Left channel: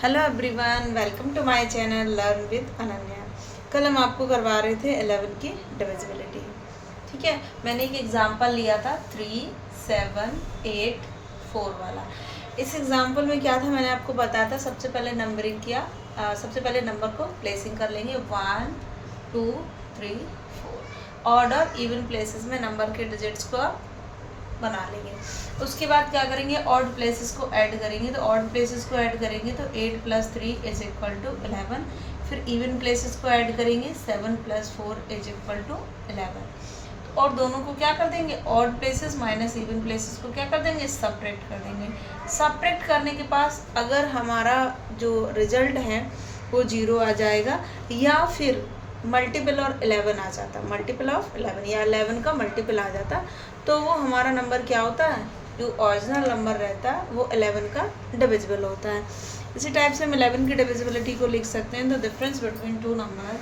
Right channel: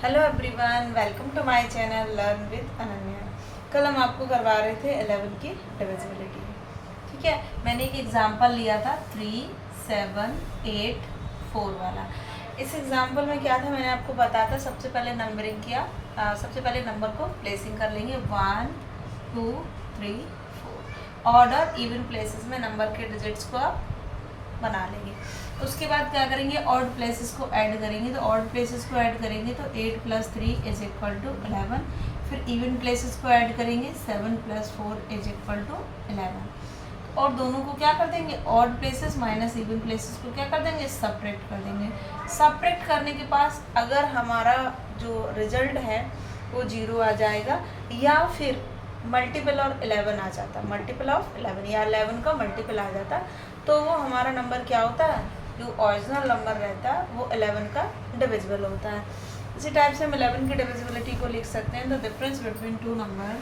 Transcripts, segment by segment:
Hello everyone, welcome to my channel learn with Ananya. कल हम आपको करवा रहे थे 11 की डिविजिबिलिटी। ठीक है, मैंने एक एग्जांपल लिया था 3, 7, 8, 4 वाला। इस एग्जांपल में क्या था, मैंने आपको बताया था सबसे पहले नंबरिंग किया। सबसे पहले नंबर को प्लेसिंग कर लेंगे 1, 2, 3, 4। ऑर्डर इवन प्लेसेस में नंबर के डिजिट्स को आप बना लेंगे। उसके बाद क्या करेंगे, ऑड प्लेसेस को ऐड करेंगे। तो ऑड प्लेसेस को ऐड करेंगे तो 8 + 3 = 11। फिर इवन प्लेसेस को ऐड करेंगे 7 + 4 = 11। और दोनों को क्या कर देंगे, odd places minus even places को क्या कर देंगे, सब्ट्रैक्ट कर देंगे। सब्ट्रैक्ट करने के पास अगर हमारा जो रिजल्ट है वो 0 आ जाएगा, या फिर मल्टीपल और 11 आ जाता, मल्टीपल ऑफ 11 या 11 का मल्टीपल आ जाता, तो वो हमारा नंबर क्या होता है, जो ओरिजिनल नंबर रहता है वो 11 का डिविजिबल होता है। इसी टाइप से हम 11 की डिविजिबिलिटी को लिख सकते हैं। The difference between two number,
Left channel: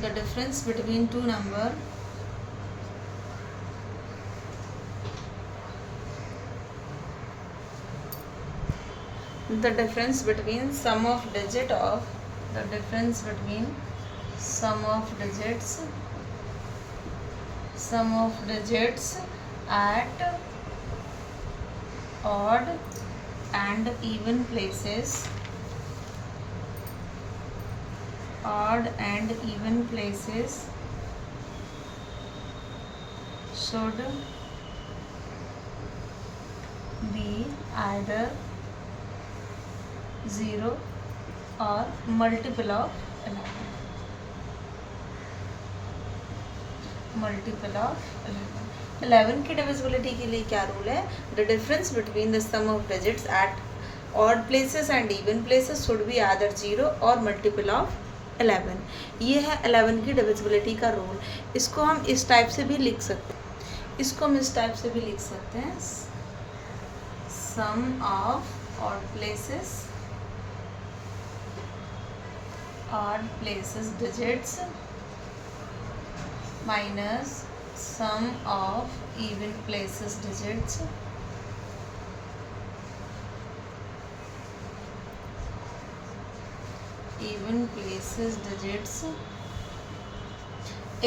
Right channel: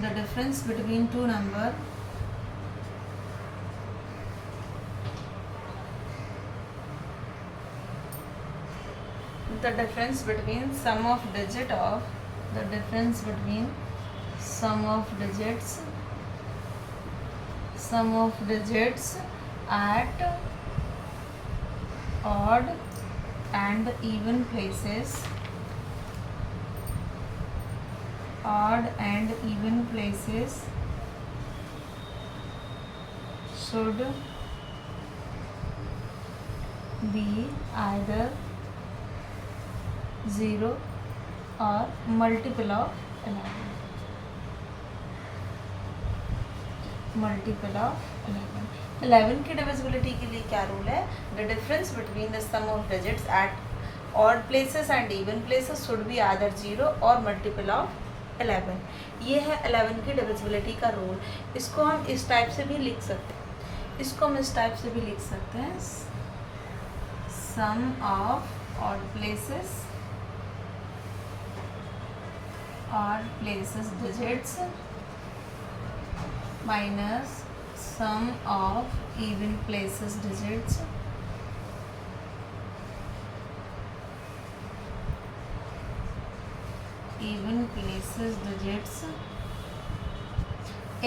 the difference between two number the difference between sum of digit of the difference between sum of digits at odd and even places, odd and even places should be either 0 और multiple of 11, multiple of 11। 11 की divisibility के लिए क्या rule है, the difference between the sum of digits at odd places and even places should be either 0 और multiple of 11। ये है 11 की डिविजिबिलिटी का रूल। इसको हम इस टाइप से भी लिख सकते हैं, इसको हम इस टाइप से भी लिख सकते हैं, sum of odd places, odd places digits minus sum of even places digits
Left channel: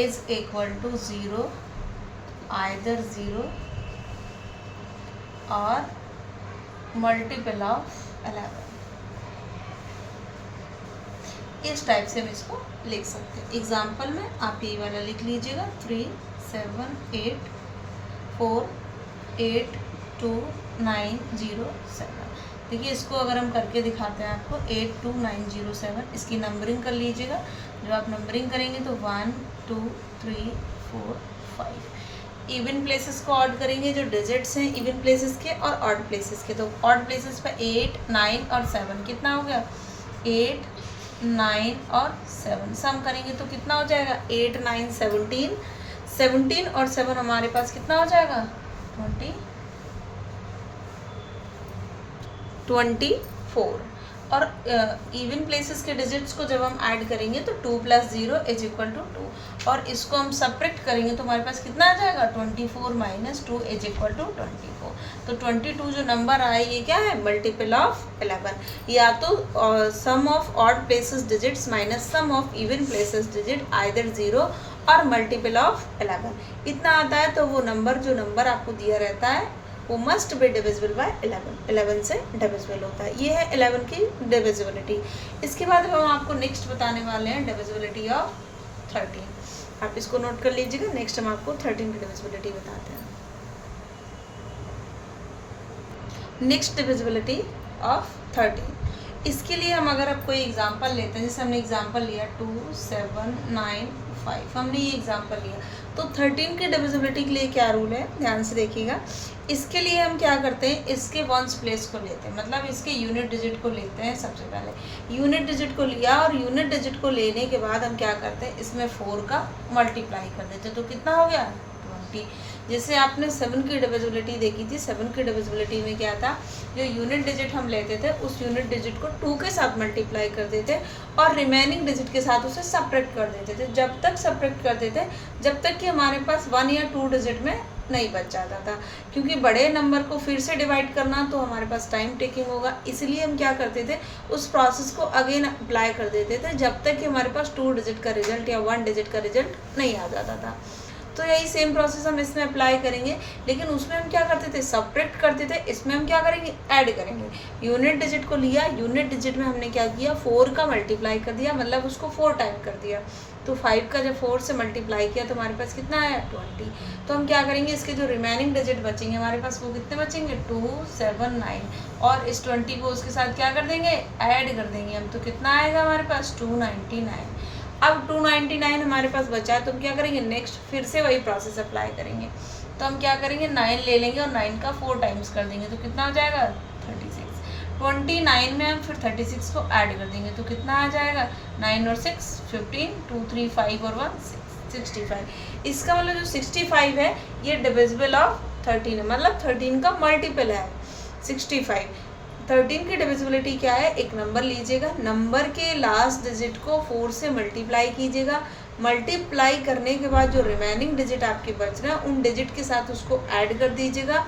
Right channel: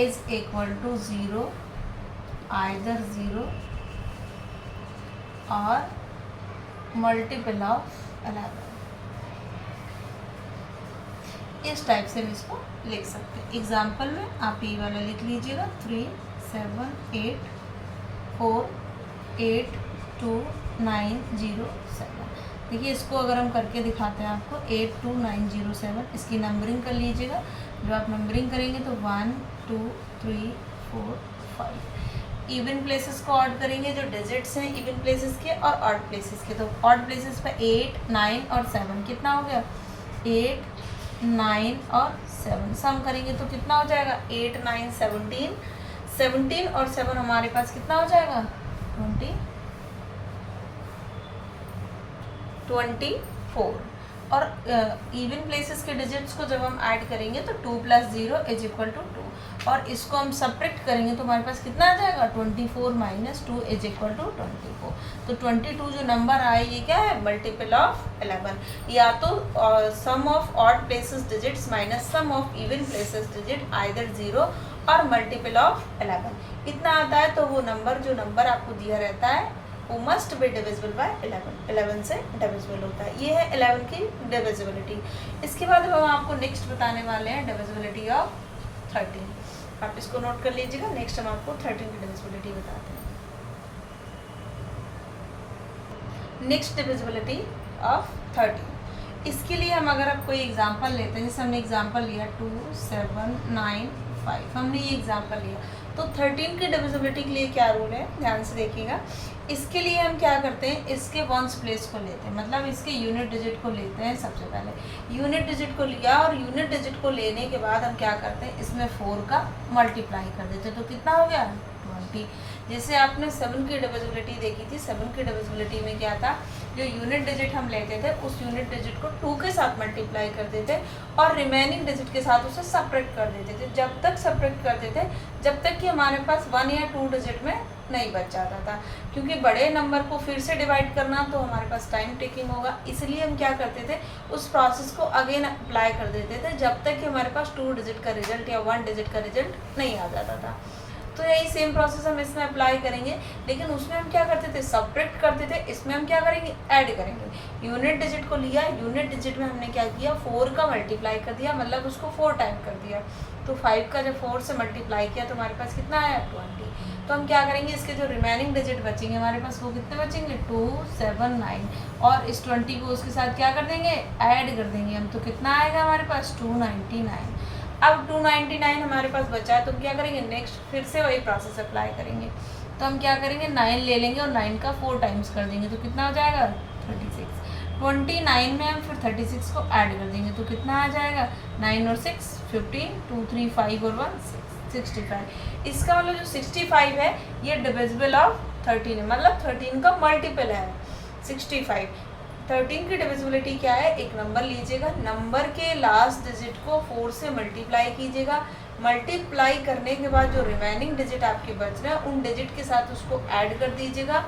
is equal to 0, either 0 or multiple of 11। इस टाइप से हम इसको लिख सकते हैं। एग्जाम्पल में आप ये वाला लिख लीजिएगा 3, 7, 8, 4, 8, 2, 9, 0, 7। देखिए इसको अगर हम करके दिखाते हैं आपको 8, 2, 9, 0, 7, इसकी नंबरिंग कर लीजिएगा। जब आप नंबरिंग करेंगे तो 1, 2, 3, 4, 5। इवन प्लेसेस को ऑड करेंगे, जो डिजिट्स हैं इवन प्लेसेस के और ऑड प्लेसेस के। तो ऑड प्लेसेस पे 8, 9 और 7, कितना हो गया, 8, 9 और 7 सम करेंगे तो कितना हो जाएगा, 8, 9, 17, 17 और 7 हमारे पास कितना हो जाएगा, 24। और इवन प्लेसेस के डिजिट्स को जब हम ऐड करेंगे तो 2 + 0 = 2, और इसको हम सब्ट्रैक्ट करेंगे तो हमारे पास कितना आ जाएगा, 24 - 2 = 24। तो 22 जो नंबर आए ये क्या है, मल्टीपल ऑफ 11, या तो sum of odd places digits minus sum of even places digit either 0 और मल्टीपल ऑफ 11। इतना आता है तो वो नंबर, जो नंबर आपको दिया रहता है वो मस्ट बी डिविजिबल बाय 11, 11 से डिविजिबल होता है। ये है 11 की डिविजिबिलिटी। इसके बाद हम आपको नेक्स्ट बताने वाले हैं डिविजिबिलिटी ऑफ 13। आप इसको नोट कर लीजिएगा। नेक्स्ट हम आपको 13 की डिविजिबिलिटी बताते हैं। नेक्स्ट डिविजिबिलिटी ऑफ 13, इसके लिए हम अगर आप कोई एग्जांपल लेते हैं, जैसे हमने एग्जांपल लिया 2, 7, 9, 5, हमने ये एग्जांपल लिया, तो 13 की डिविजिबिलिटी के लिए क्या रूल है, ध्यान से देखिएगा। इसके लिए हम क्या करते हैं, इसके वंस प्लेस को लेते हैं, मतलब इसके यूनिट डिजिट को लेते हैं। सबसे पहले यूनिट डिजिट को लिया, और यूनिट डिजिट को लेने के बाद हम क्या करते हैं, इसमें 4 का मल्टीप्लाई कर देते हैं, तो कितना हो गया, 20। जैसे आपने 7 की डिविजिबिलिटी देखी थी, 7 की डिविजिबिलिटी में क्या था, जो यूनिट डिजिट हम लेते थे उस यूनिट डिजिट को 2 के साथ मल्टीप्लाई कर देते और रिमेनिंग डिजिट के साथ उसे सब्ट्रैक्ट कर देते थे। जब तक सब्ट्रैक्ट करते थे जब तक कि हमारे पास 1 या 2 डिजिट में नहीं बच जाता था, क्योंकि बड़े नंबर को फिर से डिवाइड करना तो हमारे पास टाइम टेकिंग होगा, इसलिए हम क्या करते थे, उस प्रोसेस को अगेन अप्लाई कर देते थे जब तक कि हमारे पास 2 डिजिट का रिजल्ट या 1 डिजिट का रिजल्ट नहीं आ जाता था। तो यही सेम प्रोसेस हम इसमें अप्लाई करेंगे, लेकिन उसमें हम क्या करते थे, सब्ट्रैक्ट करते थे, इसमें हम क्या करेंगे, ऐड करेंगे। यूनिट डिजिट को लिया, यूनिट डिजिट में हमने क्या किया, 4 का मल्टीप्लाई कर दिया, मतलब उसको 4 टाइम कर दिया। तो 5 का जब 4 से मल्टीप्लाई किया तो हमारे पास कितना आया, 20। तो हम क्या करेंगे, इसके जो रिमेनिंग डिजिट बचेंगे हमारे पास वो कितने बचेंगे, 2, 7, 9, और इस 20 को उसके साथ क्या कर देंगे, ऐड कर देंगे हम। तो कितना आएगा हमारे पास, 299। अब 299 हमारे पास बचा है, तो हम क्या करेंगे, नेक्स्ट फिर से वही प्रोसेस अप्लाई करेंगे। तो हम क्या करेंगे, 9 ले लेंगे और 9 का 4 टाइम्स कर देंगे, तो कितना हो जाएगा, 36। 29 में हम फिर 36 को ऐड कर देंगे, तो कितना आ जाएगा, 9 और 6 15, 2 3 5 और 1 6, 65। इसका मतलब जो 65 है ये डिविजिबल ऑफ 13 है, मतलब 13 का मल्टीपल है 65। 13 की डिविजिबिलिटी क्या है, एक नंबर लीजिएगा, नंबर के लास्ट डिजिट को 4 से मल्टीप्लाई कीजिएगा, मल्टीप्लाई करने के बाद जो रिमेनिंग डिजिट आपके बच रहे हैं उन डिजिट के साथ उसको ऐड कर दीजिएगा।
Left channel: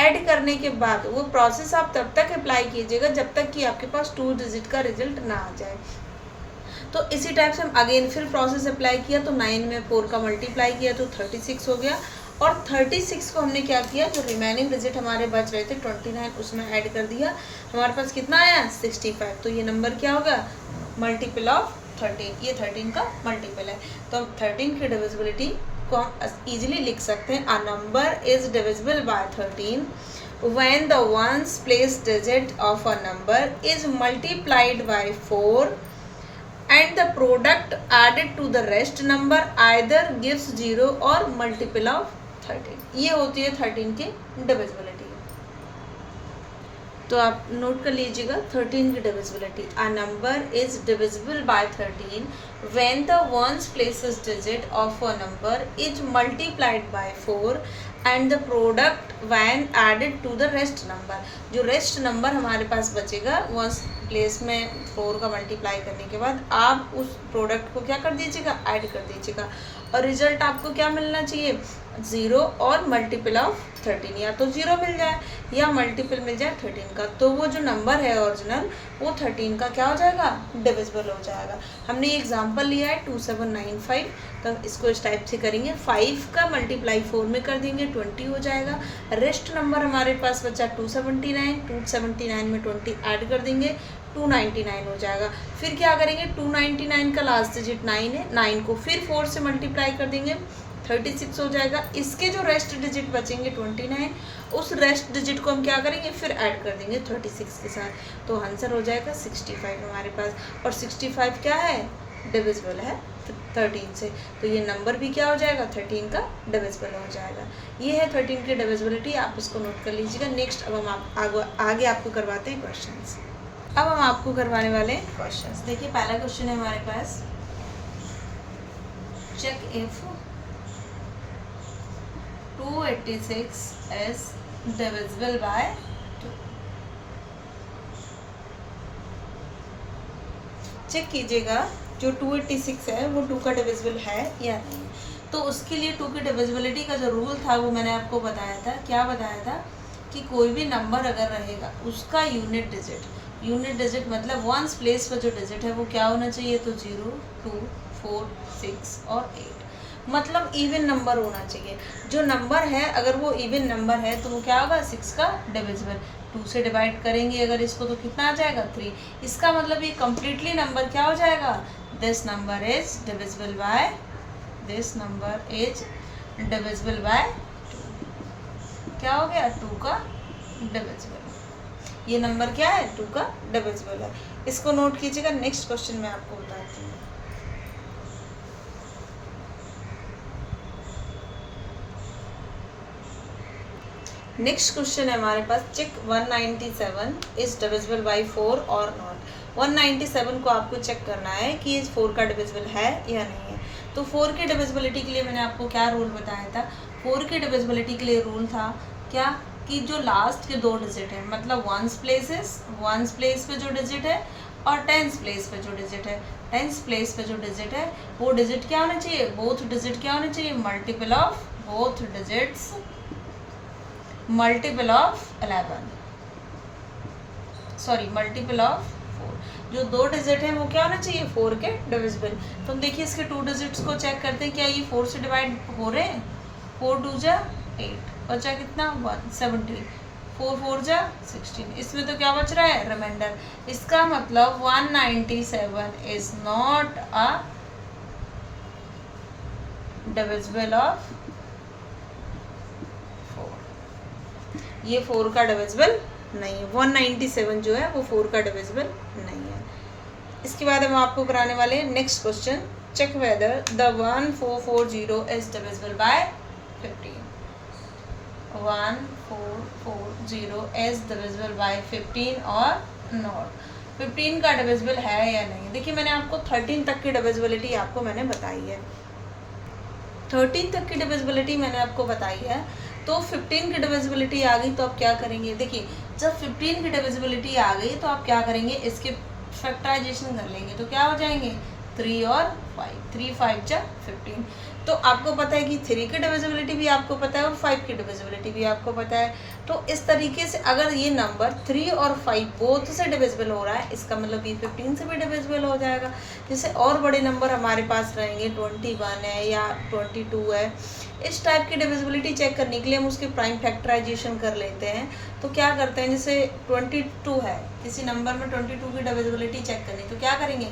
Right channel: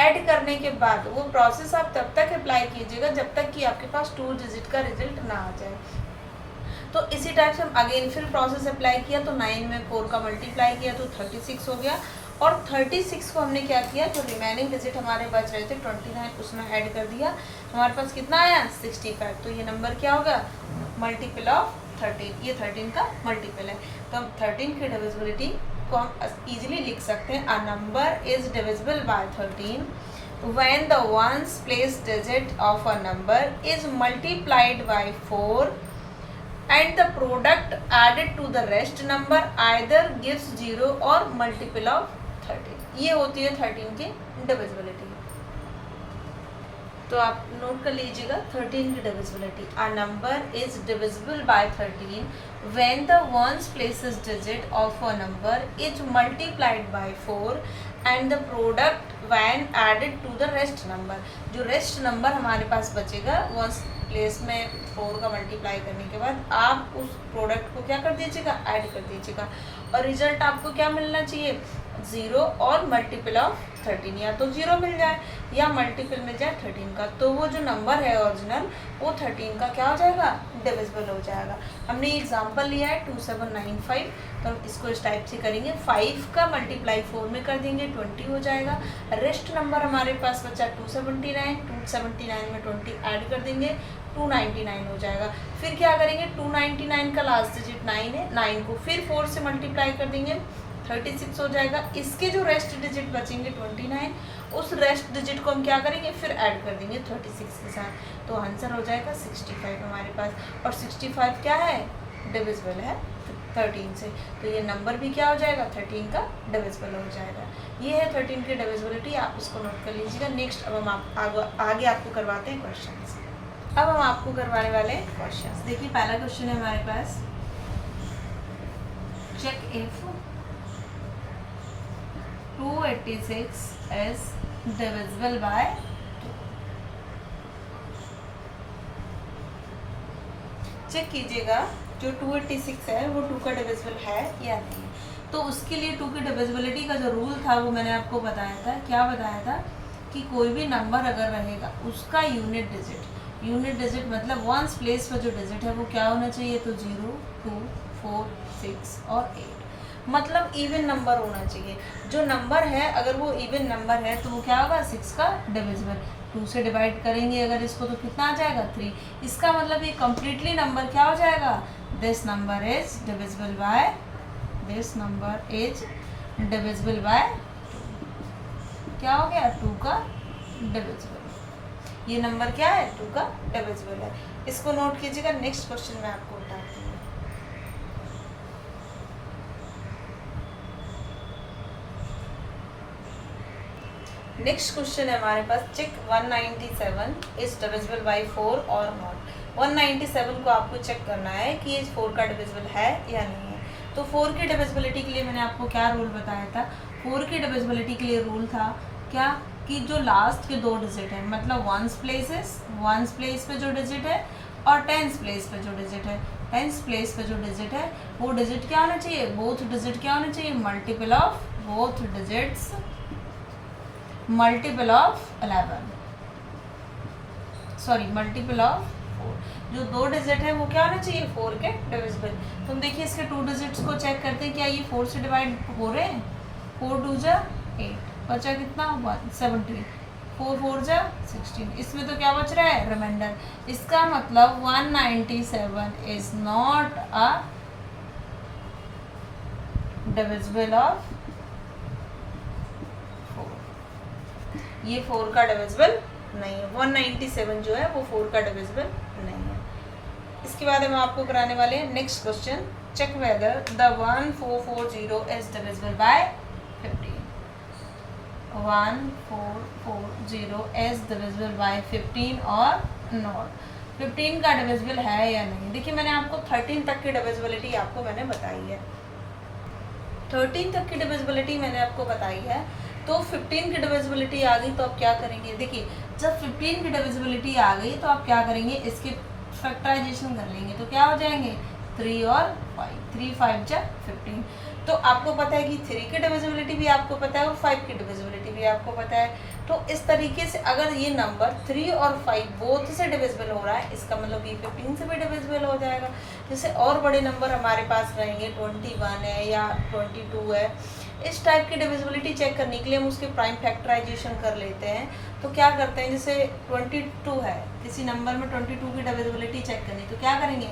ऐड करने के बाद वो प्रोसेस आप तब तक अप्लाई कीजिएगा जब तक कि आपके पास 2 डिजिट का रिजल्ट ना आ जाए। तो इसी टाइप से हम अगेन फिर प्रोसेस अप्लाई किया, तो 9 में 4 का मल्टीप्लाई किया तो 36 हो गया, और 36 को हमने क्या किया, जो रिमेनिंग डिजिट हमारे बच रहे थे 29 उसमें ऐड कर दिया, हमारे पास कितना आया, 65। तो ये नंबर क्या होगा, मल्टीपल ऑफ 13, ये 13 का मल्टीपल है। तो हम 13 की डिविजिबिलिटी को हम इजीली लिख सकते हैं, a number is divisible by 13 when the ones place digit of a number is multiplied by 4 and the product added to the rest number either gives 0 or multiple of 13। ये होती है 13 की divisibility. तो आप note कर लीजिएगा 13 की divisibility, a number is divisible by 13 when the ones places digit of a number is multiplied by 4 and the product when added to the rest number। जो रेस्ट नंबर हमारे पास बचेगा वो प्लेस में 4 का मल्टीप्लाई करने के बाद आप उस प्रोडक्ट को क्या कर दीजिएगा, ऐड कर दीजिएगा, और रिजल्ट आपको क्या मिलना चाहिए, 0 और मल्टीपल ऑफ 13, या तो 0 मिल जाए या मल्टीपल मिल जाए 13 का, तो वो जो नंबर है ओरिजिनल वो 13 का क्या हो जाएगा, डिविजिबल हो जाएगा। हमने ये एग्जांपल लिया है 2795, तो हम इसको इस टाइप से करेंगे, 5 का मल्टीप्लाई 4 में कर देंगे 20 हो जाएगा। रेस्ट नंबर हमारे पास बचा 279, 279 में 20 ऐड कर देंगे 299 हो जाएगा। फिर क्या करेंगे, 299 का लास्ट डिजिट 9 है, 9 को फिर 4 से मल्टीप्लाई कर देंगे 36 हो जाएगा। इसके जो रेस्ट डिजिट बचेंगे 29, उस रेस्ट डिजिट को हम क्या करेंगे, फिर ऐड कर देंगे 36 के साथ, तो आंसर हो जाएगा 65 हमारे पास। और 65 क्या है, डिविजिबल है 13 से, तो ये नंबर भी क्या हो जाएगा, 13 का डिविजिबल हो जाएगा। ये है 13 की डिविजिबिलिटी, आप उसको नोट कर लीजिएगा। नेक्स्ट अब हम आगे आपको करवाते हैं क्वेश्चंस। अब हम आपको करवाने वाले हैं क्वेश्चंस। देखिए पहला क्वेश्चन है हमारे पास, check if 286 is divisible by 2। Check कीजिएगा जो 286 है वो 2 का डिविजिबल है या नहीं। तो उसके लिए 2 की डिविजिबिलिटी का जो रूल था वो मैंने आपको बताया था। क्या बताया था कि कोई भी नंबर अगर रहेगा उसका यूनिट डिजिट मतलब वंस प्लेस पर जो डिजिट है वो क्या होना चाहिए, तो 0, 2, 4, 6 और 8, मतलब इवन नंबर होना चाहिए। जो नंबर है अगर वो इवन नंबर है तो वो क्या होगा, 6 का डिविजिबल। 2 से डिवाइड करेंगे अगर इसको तो कितना आ जाएगा, 3। इसका मतलब ये कम्प्लीटली नंबर क्या हो जाएगा, this number is divisible bye 2। क्या हो गया, 2 का डिविजिबल। ये नंबर क्या है, 2 का डिविजिबल है। इसको नोट कीजिएगा। नेक्स्ट क्वेश्चन में आपको बताती हूँ। नेक्स्ट क्वेश्चन है हमारे पास, चेक 197 इज डिविजिबल बाय 4 और नॉट। 197 को आपको चेक करना है कि ये 4 का डिविजिबल है या नहीं है। तो 4 की डिविजिबिलिटी के लिए मैंने आपको क्या रूल बताया था, 4 की डिविजिबिलिटी के लिए रूल था क्या, कि जो लास्ट के 2 डिजिट है, मतलब वंस प्लेस पे जो डिजिट है और टेंस प्लेस पे जो डिजिट है, टेंस प्लेस पे जो डिजिट है वो डिजिट क्या होना चाहिए, बोथ डिजिट क्या होना चाहिए, multiple of both digits multiple of 11, sorry multiple of 4। जो 2 डिजिट है वो क्या होना चाहिए 4 के डिविजिबल। तुम देखिए इसके 2 डिजिट्स को चेक करते हैं, क्या ये 4 से डिवाइड हो रहे हैं। 4 2 जा 8, बचा कितना 170, 4 4 जा 16, इसमें तो क्या बच रहा है रिमाइंडर। इसका मतलब 197 is not a divisible of 4। ये 4 का डिविजिबल नहीं है। 197 जो है वो 4 का डिविजिबल नहीं है। इसके बाद हम आपको कराने वाले हैं next question, check whether the 1440 is divisible by 15। 1440 is divisible by 15 और नॉट। 15 का डिविजिबल है या नहीं। देखिए मैंने आपको 13 तक की डिविजिबिलिटी आपको मैंने बताई है, 13 तक की डिविजिबिलिटी मैंने आपको बताई है। तो 15 की डिविजिबिलिटी आ गई तो आप क्या करेंगे। देखिए जब 15 की डिविजिबिलिटी आ गई तो आप क्या करेंगे, इसके फैक्टराइजेशन कर लेंगे तो क्या हो जाएंगे 3 और 5, 3 5 जा 15। तो आपको पता है कि 3 की डिविजिबिलिटी भी आपको पता है और 5 की डिविजिबिलिटी भी आपको पता है। तो इस तरीके से अगर ये नंबर 3 और 5 बोथ से डिविजिबल हो रहा है, इसका मतलब ये 15 से भी डिविजिबल हो जाएगा। जैसे और बड़े नंबर हमारे पास रहेंगे 21 है या 22 है, इस टाइप की डिविजिबिलिटी चेक करने के लिए हम उसके प्राइम फैक्टराइजेशन कर लेते हैं। तो क्या करते हैं, जैसे 22 है, किसी नंबर में 22 की डिविजिबिलिटी चेक करनी तो क्या करेंगे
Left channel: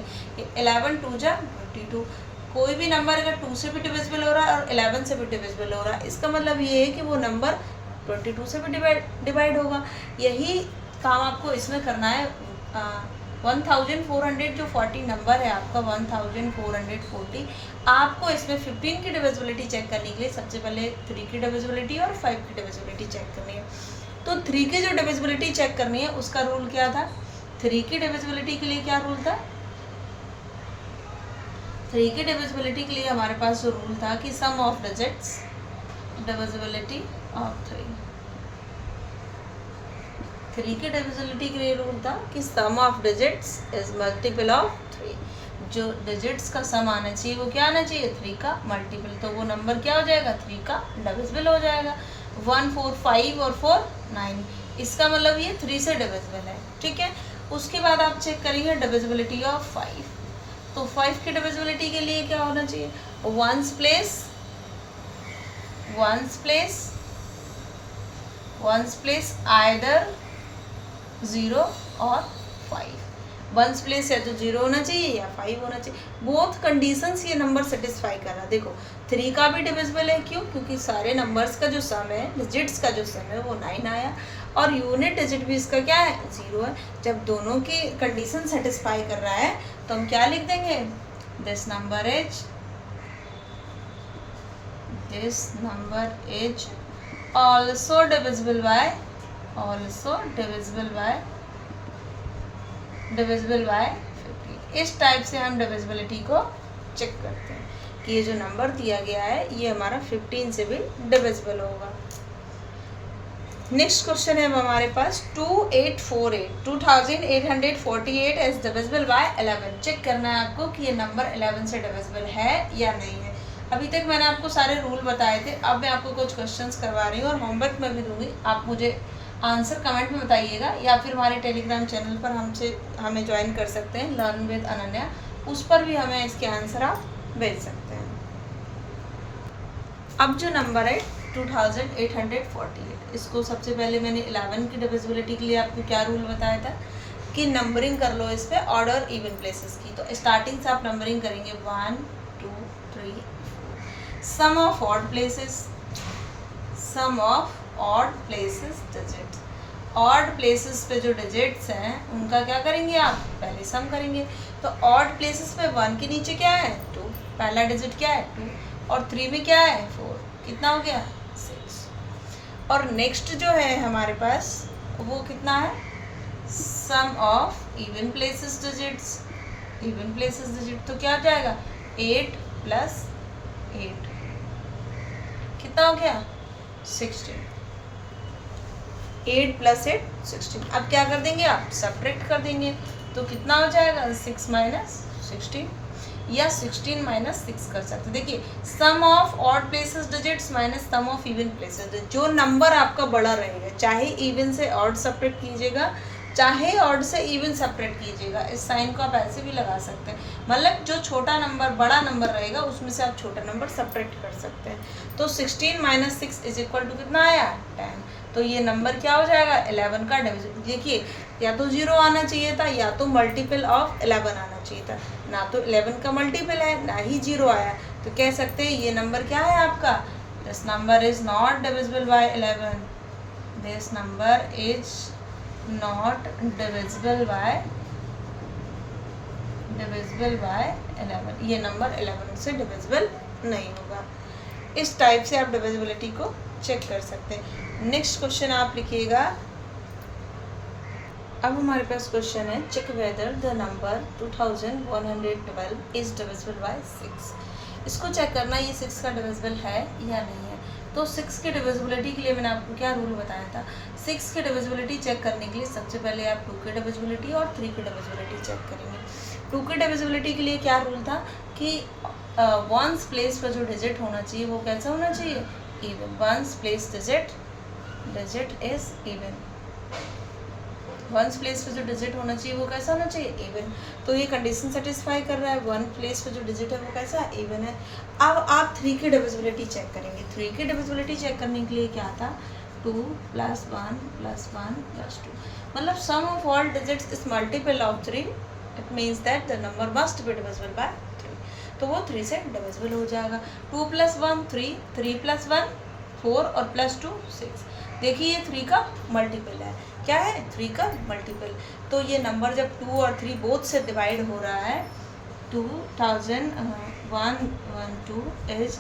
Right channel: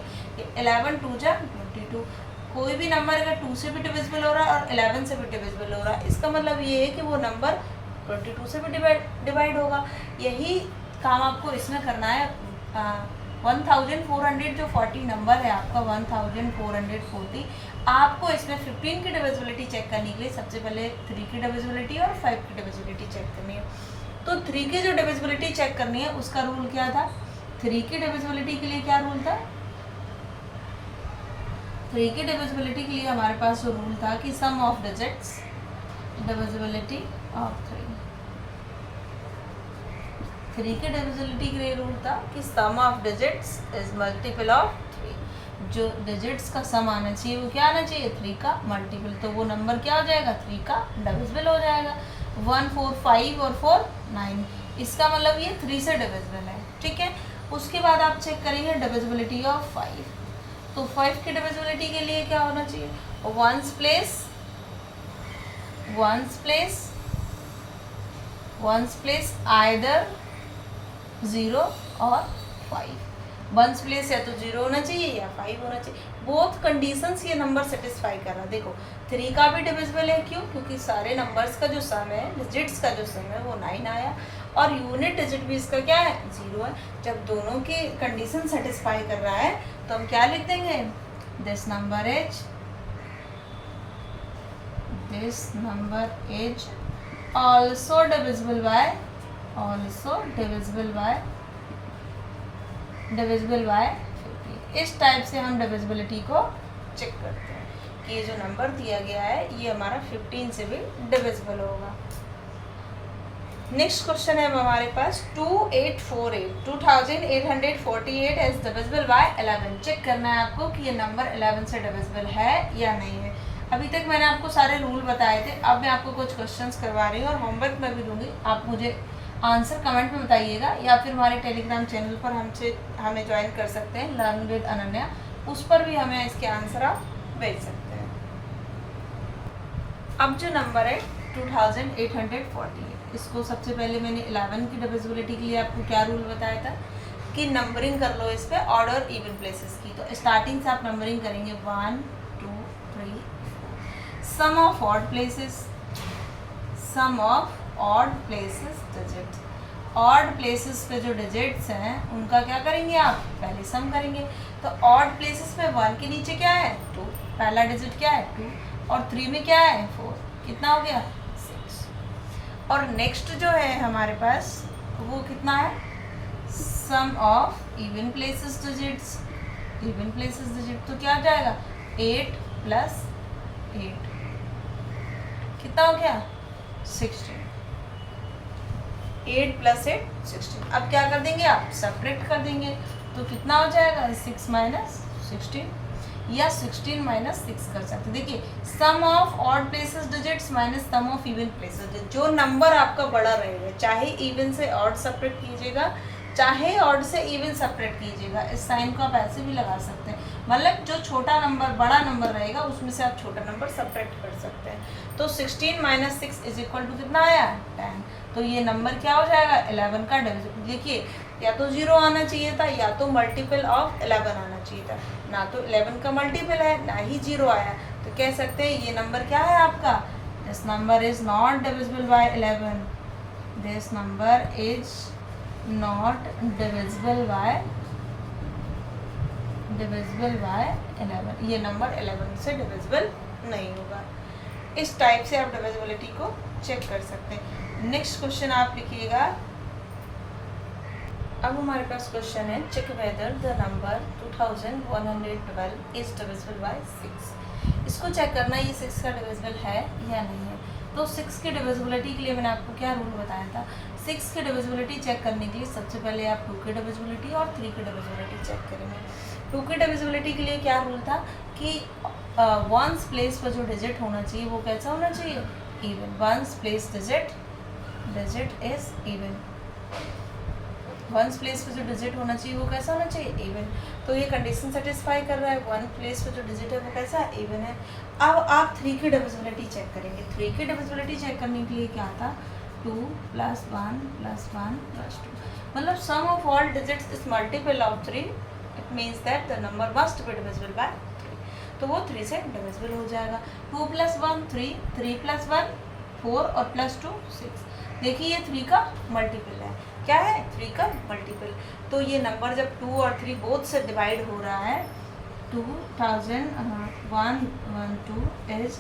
11 2 जा 22। कोई भी नंबर अगर 2 से भी डिविजिबल हो रहा है और 11 से भी डिविजिबल हो रहा है, इसका मतलब ये है कि वो नंबर 22 से भी डिवाइड होगा। यही काम आपको इसमें करना है। 1400 जो 40 नंबर है आपका 1440, आपको इसमें 15 की डिविजिबिलिटी चेक करने के लिए सबसे पहले 3 की डिविजिबिलिटी और 5 की डिविजिबिलिटी चेक करनी है। तो 3 की जो डिविजिबिलिटी चेक करनी है उसका रूल क्या था, 3 की डिविजिबिलिटी के लिए क्या रूल था, 3 की डिविजिबिलिटी के लिए हमारे पास जो रूल था कि sum of digits divisibility of 3 की डिविजिबिलिटी के लिए रूल था कि sum of digits is multiple of 3। जो डिजिट्स का सम आना चाहिए वो क्या आना चाहिए 3 का मल्टीपल। तो वो नंबर क्या हो जाएगा 3 का डिविजिबल हो जाएगा। 1 4 5 और 4 9, इसका मतलब ये 3 से डिविजिबल है। ठीक है, उसके बाद आप चेक करेंगे डिविजिबिलिटी ऑफ 5। तो 5 की डिविजिबिलिटी के लिए क्या होना चाहिए, वंस प्लेस आइदर 0 और 5। वंस प्लेस है तो 0 होना चाहिए या 5 होना चाहिए। बोथ कंडीशंस ये नंबर सेटिस्फाई कर रहा है। देखो 3 का भी डिविजिबल है, क्यों, क्योंकि सारे नंबर्स का जो सम है, डिजिट्स का जो सम है वो 9 आया और यूनिट डिजिट भी इसका क्या है 0 है। जब दोनों की कंडीशन सेटिस्फाई कर रहा है तो हम क्या लिख देंगे, this number is also divisible by 15। इस टाइप से हम डिविजिबिलिटी को चेक करते हैं कि ये जो नंबर दिया गया है ये हमारा 15 से भी डिविजिबल होगा। नेक्स्ट क्वेश्चन है हमारे पास 2848 इज डिविजिबल बाय 11। चेक करना है आपको कि ये नंबर 11 से डिविजिबल है या नहीं है। अभी तक मैंने आपको सारे रूल बताए थे, अब मैं आपको कुछ क्वेश्चंस करवा रही हूँ और होमवर्क में भी दूंगी। आप मुझे आंसर कमेंट में बताइएगा या फिर हमारे टेलीग्राम चैनल पर हमें ज्वाइन कर सकते हैं, लर्न विद अनन्या, उस पर भी हमें इसके आंसर आप भेज सकते हैं। अब जो नंबर है 2848, इसको सबसे पहले मैंने 11 की डिविजिबिलिटी के लिए आपको क्या रूल बताया था कि नंबरिंग कर लो इस पर ऑर्डर इवन प्लेसेस की। तो स्टार्टिंग से आप नंबरिंग करेंगे 1 2 3 4। Sum of odd places digits, odd places पे जो डिजिट्स हैं उनका क्या करेंगे आप पहले सम करेंगे। तो ऑड प्लेसेस पे 1 के नीचे क्या है 2, पहला डिजिट क्या है 2 और 3 में क्या है 4, कितना हो गया 6। और नेक्स्ट जो है हमारे पास वो कितना है, सम ऑफ इवन प्लेसेस डिजिट, तो क्या हो जाएगा 8 + 8, कितना हो गया 16। 8 + 8 16। अब क्या कर देंगे आप सब्ट्रैक्ट कर देंगे तो कितना हो जाएगा 6 - 16। या 16 माइनस 6 कर सकते हैं। देखिए sum of odd places digits minus sum of even places, जो नंबर आपका बड़ा रहेगा, चाहे इवन से ऑड सेपरेट कीजिएगा चाहे ऑड से इवन सेपरेट कीजिएगा, इस साइन को आप ऐसे भी लगा सकते हैं, मतलब जो छोटा नंबर बड़ा नंबर रहेगा उसमें से आप छोटा नंबर सेपरेट कर सकते हैं। तो 16 माइनस 6 इज इक्वल टू कितना आया 10, तो ये नंबर क्या हो जाएगा 11 का डिविजिबल। देखिए या तो 0 आना चाहिए था या तो मल्टीपल ऑफ 11 आना चाहिए था, ना तो 11 का मल्टीपल है ना ही 0 आया, तो कह सकते हैं ये नंबर क्या है आपका, this number is not divisible by 11, this number is not divisible by 11, ये नंबर 11 से डिविजिबल नहीं होगा। इस टाइप से आप डिविजिबिलिटी को चेक कर सकते हैं। नेक्स्ट क्वेश्चन आप लिखिएगा, अब हमारे पास क्वेश्चन है check whether the number 2112 is divisible by 6। इसको चेक करना ये 6 का डिविजिबल है या नहीं है। तो 6 की डिविजिबिलिटी के लिए मैंने आपको क्या रूल बताया था, 6 की डिविजिबिलिटी चेक करने के लिए सबसे पहले आप 2 की डिविजिबिलिटी और 3 की डिविजिबिलिटी चेक करेंगे। 2 की डिविजिबिलिटी के लिए क्या रूल था कि वंस प्लेस पर जो डिजिट होना चाहिए वो कैसा होना चाहिए, even. Ones place digit is even, ones place पे जो डिजिट होना चाहिए वो कैसा होना चाहिए, इवन। तो ये कंडीशन सेटिस्फाई कर रहा है, वन प्लेस पे जो डिजिट है वो कैसा इवन है। अब आप 3 की डिविजिबिलिटी चेक करेंगे। 3 की डिविजिबिलिटी चेक करने के लिए क्या था, 2 + 1 + 1 + 2, मतलब sum of all digits is multiple of 3, it means that the number must be divisible by 3, तो वो 3 से डिविजिबल हो जाएगा। 2 + 1 3, 3 + 1 4 और +2 6। देखिए ये 3 का मल्टीपल है, क्या है 3 का मल्टीपल। तो ये नंबर जब 2 और 3 बोथ से डिवाइड हो रहा है, 2112 इज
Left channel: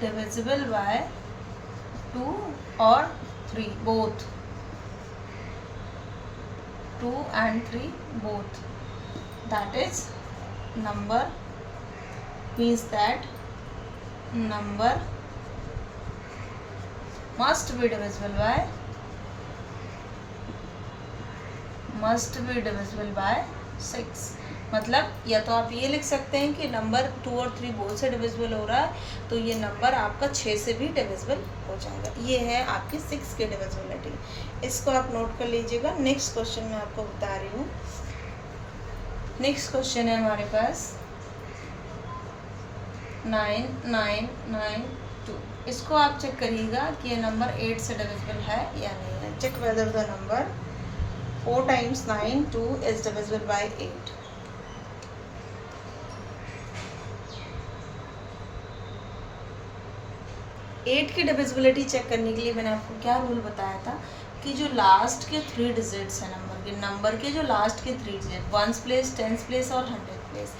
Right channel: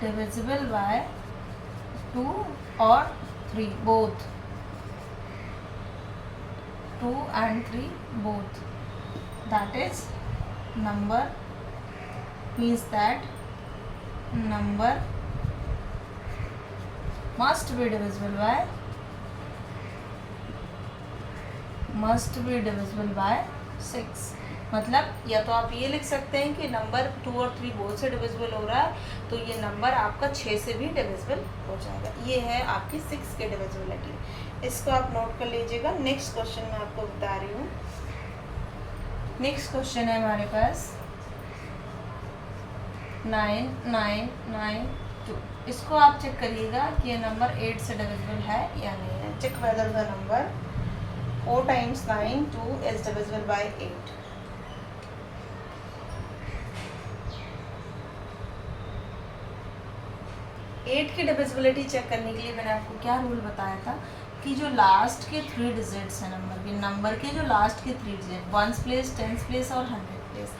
डिविजिबल बाय 2 और 3 both, 2 and 3 both, that is number means that number must be divisible by 6। मतलब या तो आप ये लिख सकते हैं कि नंबर 2 और 3 बोथ से डिविजिबल हो रहा है, तो ये नंबर आपका 6 से भी डिविजिबल हो जाएगा। ये है आपकी 6 की डिविजिबिलिटी, इसको आप नोट कर लीजिएगा। नेक्स्ट क्वेश्चन मैं आपको बता रही हूँ। नेक्स्ट क्वेश्चन है हमारे पास 9992। इसको आप चेक करिएगा कि ये नंबर 8 से डिविजिबल है या नहीं है। Check whether the number 4 × 9 2 is divisible by 8। Eight की डिविजिबिलिटी चेक करने के लिए मैंने आपको क्या रूल बताया था कि जो लास्ट के 3 डिजिट्स हैं नंबर के जो लास्ट के 3 digit, 1s place 10s place और 100 प्लेस,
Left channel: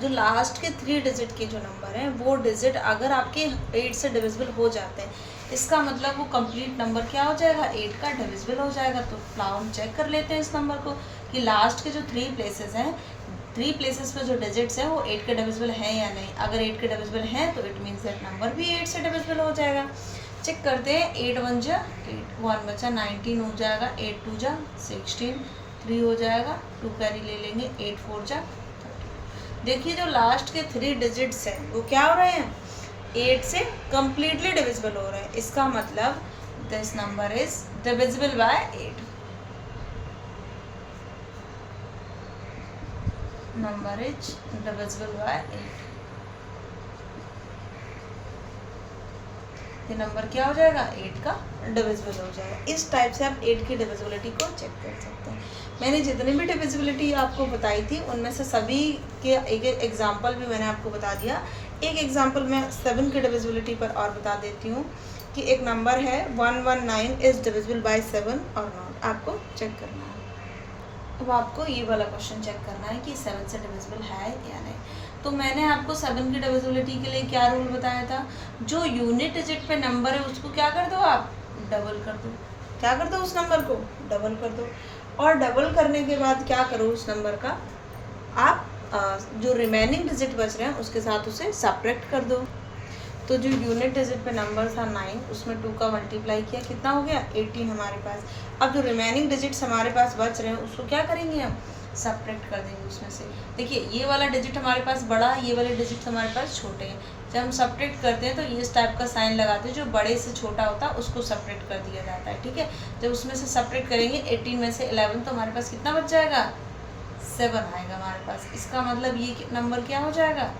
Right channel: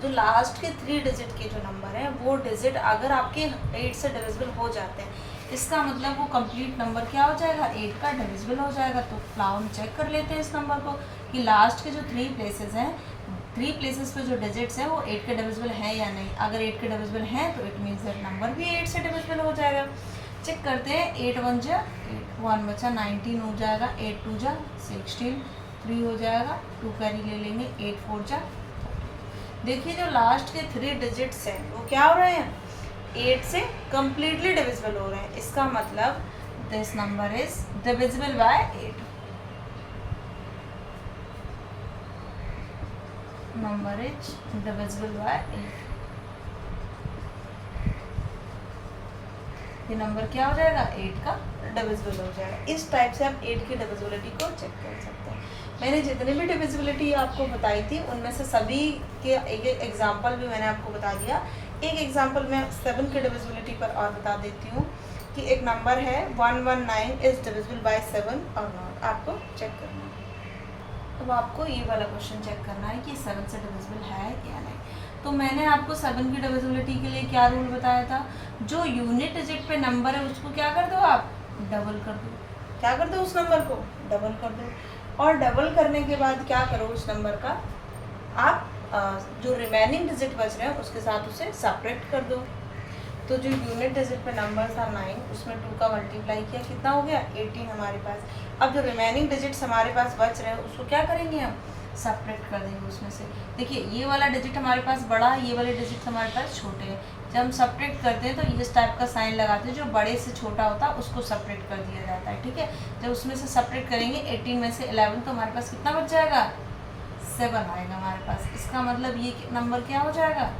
जो लास्ट के 3 डिजिट के जो नंबर हैं वो डिजिट अगर आपके 8 से डिविजिबल हो जाते हैं, इसका मतलब वो कंप्लीट नंबर क्या हो जाएगा 8 का डिविजिबल हो जाएगा। तो फ्लाउन चेक कर लेते हैं इस नंबर को कि लास्ट के जो 3 प्लेसेस हैं, 3 प्लेसेस पे जो डिजिट्स हैं वो 8 के डिविजिबल हैं या नहीं। अगर 8 के डिविजिबल हैं तो इट मीन्स दैट नंबर भी 8 से डिविजिबल हो जाएगा। चेक करते हैं, 8 × 1 = 8, 1 बचा 19 हो जाएगा, 8 × 2 = 16, 3 हो जाएगा, 2 कैरी ले लेंगे, 8 × 4 = 30। देखिए जो लास्ट के 3 डिजिट्स हैं वो क्या हो रहे हैं 8 से कम्प्लीटली डिविजिबल हो रहे हैं। इसका मतलब this number is divisible bye 8, number is divisible bye 8। ये नंबर क्या हो जाएगा 8 का डिविजिबल हो जाएगा। इस टाइप से आप 8 की डिविजिबिलिटी को चेक कर सकते हैं। मैंने जितनी भी डिविजिबिलिटी आपको बताई थी उनमें से सभी के एक एग्जांपल भी मैंने आपको बता दिया। एक एग्जांपल मैं 7 की डिविजिबिलिटी पर और बता देती हूँ कि एक नंबर है 119 इज डिविजिबल बाय 7 और नॉट, आपको चेक करना है। तो आपको ये वाला क्वेश्चन चेक करना है कि 7 से डिविजिबल है या नहीं। तो मैंने आपको 7 की डिविजिबिलिटी के लिए क्या रूल बताया था, जो यूनिट डिजिट पे नंबर है उसको क्या कर दो आप डबल कर दो। क्या कर दो उस नंबर को डबल कर दो, और डबल करने के बाद क्या करो उस नंबर का आप जो रिमेनिंग डिजिट बच रहे हैं उसके साथ उसे सेपरेट कर दो। तो जो यूनिट डिजिट पे नंबर था 9, उसमें 2 का मल्टीप्लाई किया, कितना हो गया 18 हमारे पास। अब जो रिमेनिंग डिजिट्स हमारे पास बच रहे हैं उसको क्या करेंगे हम, सब्ट्रैक्ट कर देंगे उसमें से। देखिए ये वाला डिजिट हमारे पास बड़ा है, ये वाले डिजिट हमारे पास छोटे हैं। जब हम सब्ट्रैक्ट करते हैं तो इस टाइप का साइन लगाते हैं, जो बड़े से छोटा होता है उसको सब्ट्रैक्ट कर दिया जाता है, ठीक है। जब उसमें से सब्ट्रैक्ट करेंगे 18 में से 11, तो हमारे पास कितना बच जाएगा, 7 आएगा हमारे पास। इसका मतलब ये नंबर क्या हो जाएगा,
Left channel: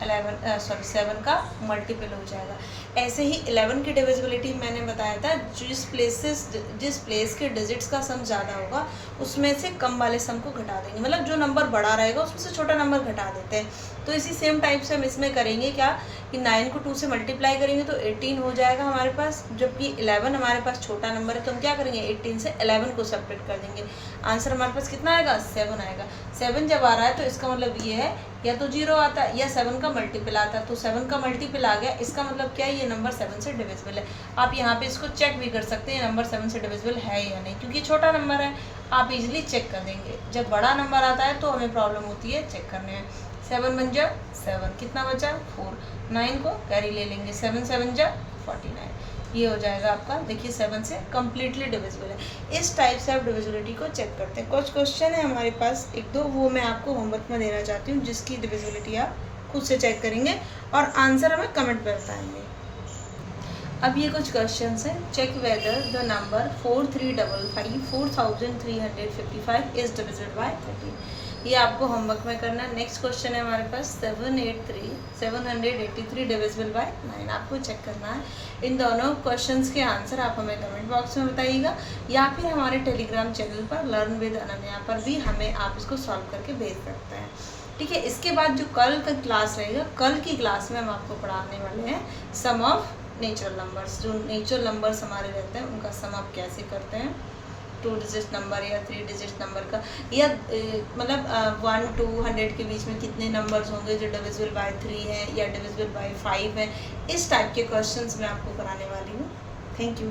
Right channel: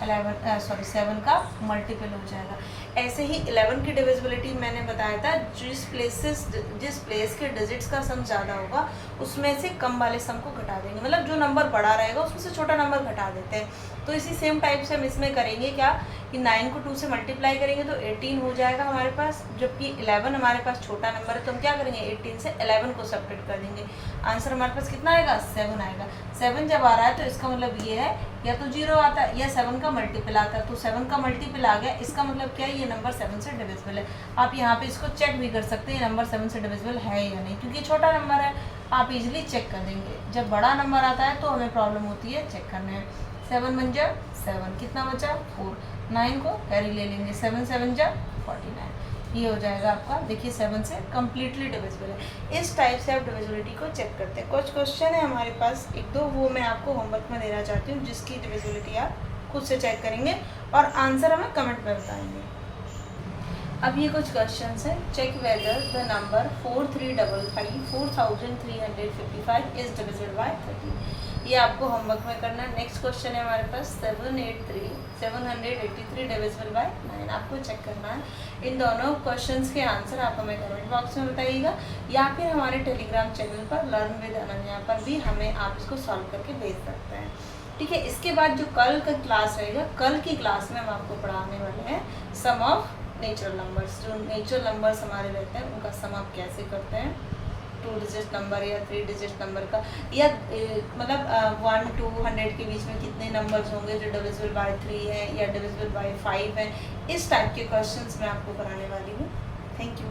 7 का मल्टीपल हो जाएगा। ऐसे ही 11 की डिविजिबिलिटी मैंने बताया था, जिस प्लेस के डिजिट्स का सम ज़्यादा होगा उसमें से कम वाले सम को घटा देंगे, मतलब जो नंबर बड़ा रहेगा उसमें से छोटा नंबर घटा देते हैं। तो इसी सेम टाइप से हम इसमें करेंगे क्या, कि 9 को 2 से मल्टीप्लाई करेंगे तो 18 हो जाएगा हमारे पास, जबकि 11 हमारे पास छोटा नंबर है, तो हम क्या करेंगे 18 से 11 को सब्ट्रैक्ट कर देंगे। आंसर हमारे पास कितना आएगा, 7 आएगा। 7 जब आ रहा है तो इसका मतलब ये है या तो 0 आता है या 7 का मल्टीपल आता है, तो 7 का मल्टीपल आ गया, इसका मतलब क्या है, ये नंबर 7 से डिविजिबल है। आप यहाँ पे इसको चेक भी कर सकते हैं, ये नंबर 7 से डिविजिबल है या नहीं, क्योंकि छोटा नंबर है, आप इजीली चेक कर देंगे। जब बड़ा नंबर आता है तो हमें प्रॉब्लम होती है चेक करने में। 7 बन जा 7, कितना बचा 4, 9 को कैरी ले लेंगे, 7 7 जा 49, ये हो जाएगा आपका। देखिए 7 से कम्प्लीटली डिविजिबल है। इस टाइप से आप डिविजिबिलिटी को चेक करते हैं। कुछ क्वेश्चन है हमारे पास 1-2, वो मैं आपको होमवर्क में देना चाहती हूँ, जिसकी डिविजिबिलिटी आप खुद से चेक करेंगे और आंसर हमें कमेंट पर बताएंगे। अब ये कुछ क्वेश्चंस हैं। Check whether the number 4355 4355 is divisible by 13। ये आपको होमवर्क में करना है। नेक्स्ट क्वेश्चन है हमारे पास 783 डिविजिबल बाय 9, आपको चेक करना है। इन दोनों क्वेश्चंस के आंसर आप हमें कमेंट बॉक्स में बताइएगा, या फिर हमारे टेलीग्राम चैनल पर लर्न विद अनन्या पर भी हमें आप इसको सॉल्व करके भेज सकते हैं, ठीक है। इसके बाद जो कल का क्लास रहेगा, कल की क्लास में हम आपको पढ़ाने वाले हैं सम ऑफ नेचुरल नंबर्स। जो नेचुरल नंबर्स हमारे रहते हैं उनका सम आप कैसे करते हैं, 2 डिजिट नंबर या 3 डिजिट नंबर का, या मतलब 1 to 100 के बीच में कितने नंबर्स होंगे जो डिविजिबल बाय 3 है या डिविजिबल बाय 5 है। इस टाइप के क्वेश्चंस मैं आपको कराने वाली हूँ। Thank you.